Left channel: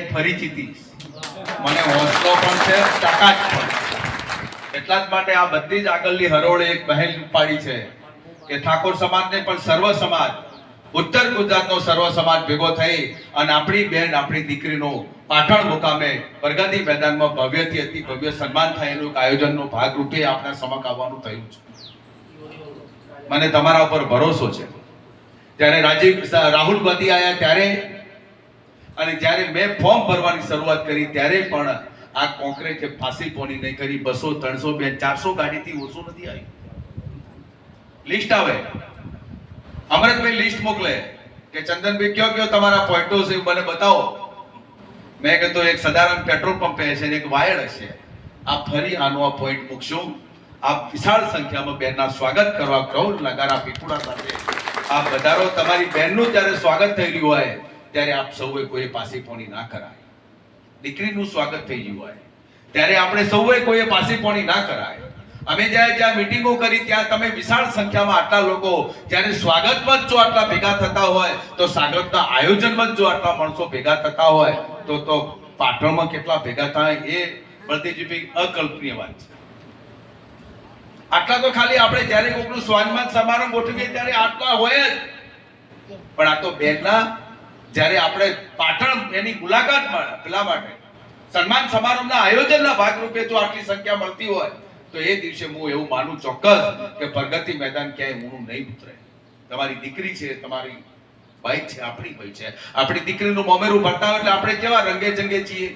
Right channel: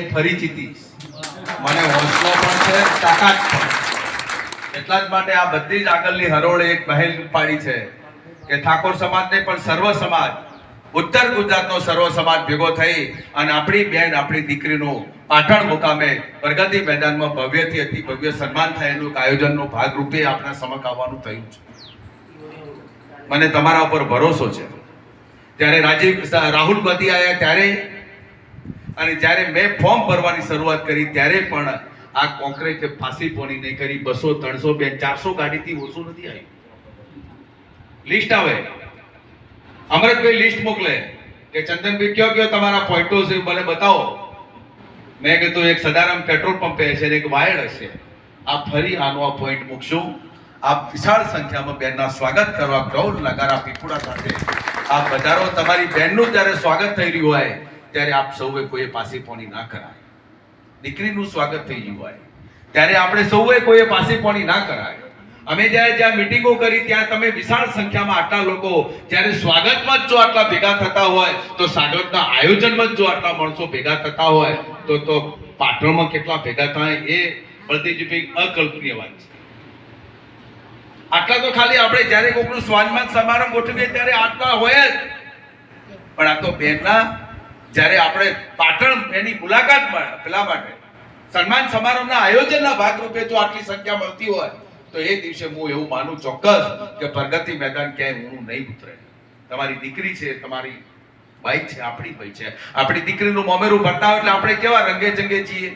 ફરી જીતીશ. મને હોંસલો પણ છે, તાકાત પણ. એટલા જ માટે આ બધી જ આગળની હરોળે એક પહેલ પાડી છે કે ઠાકોર સમાજને પણ સર્વ સમાજ, ઉત્તર ગુજરાતનો સર્વ સમાજ ભેગો થઈ અને આપણી બેન, આપણી દીકરીનું પાટણ મુકામે પ્રગતિ મેદાનમાં ભવ્યથી અતિ ભવ્ય સન્માન થાય એનું આયોજનનો ભાગરૂપે આપણા સમક્ષ આવવાનું થયું છે. મને તમારા ઉપર ભરોસો છે. જ્યારે રાહુલ ગાંધી આવ્યા ત્યારે અને જ્યારે મેં ફોર્મ ભરવાની શરૂઆત કરી ત્યારે પણ આ કોંગ્રેસે ફાંસી પોની નહીં કરી. 200, 300, 400 ગાડીથી ઓછું નથી આવ્યું. લિસ્ટ આવે, અમરતભાઈ લિસ્ટ મોકલે કે ચંદનભાઈ કયો કયો તમારા પોઈન્ટો છે મને બતાવો. મેં કીધું એક સદારામ પેટ્રોલ પંપ હશે ને એક વાયડ હશે. આ ફરી આનો આ પોઈન્ટ મૂકશું. આપ વિશાળ સંખ્યામાં બેનના સ્વાગત કરવા ગૌર નગારા પીપુડા સાથે આ પધારો. તમારી બહેનનું જ્યારે સ્વાગત થઈ રહ્યું હોય ત્યારે આપ સૌએ કોઈ પાસી પોણી ના કરાય. દીકરીનું સ્વાગત થઈ ગયું હોય ત્યારે આપણે સૌએ કોઈ પાસી પોણી ના કરાય. અમે જ્યાં મીટિંગો કરી ત્યાં તમે વિશાળ સંખ્યામાં આટલા લોકો જ્યારે સ્વાગતમાં જ જો આટલા ભેગા થતા હોય તો સ્વાગતના આયોજનમાં જ જો આટલા માણસો ભેગા થતા હોય તો પાટણમાં કેટલા ભેગા થાય એ બળદેવજીભાઈ અકલ્પનીય વાત છે. આટલા તો ખાલી આપણે જ્યારે કોઈનું સ્વાગત સમારંભ ગોઠવીએ ત્યારે આટલા હોય જ. પણ આ તો બેનના જ્યારે આપણે પાટણ એની મુલાકાત પેલા માટે સન્માન સમારોહના આયોજનના ભાગરૂપે જો આટલી સંખ્યા મળતી હોય તો એ દિવસે હું એવું માનું ચોક્કસ કે પ્રગતિ મેદાન ક્યાંય ઊણું નહીં ઉતરે. તમારી દીકરી છે, તમારી બાઈ છે, આપણી બાઈ છે. આપણી દીકરીનું મોમેરું ભરતા એટલે આપણે કેવા રંગે ચંગે છીએ.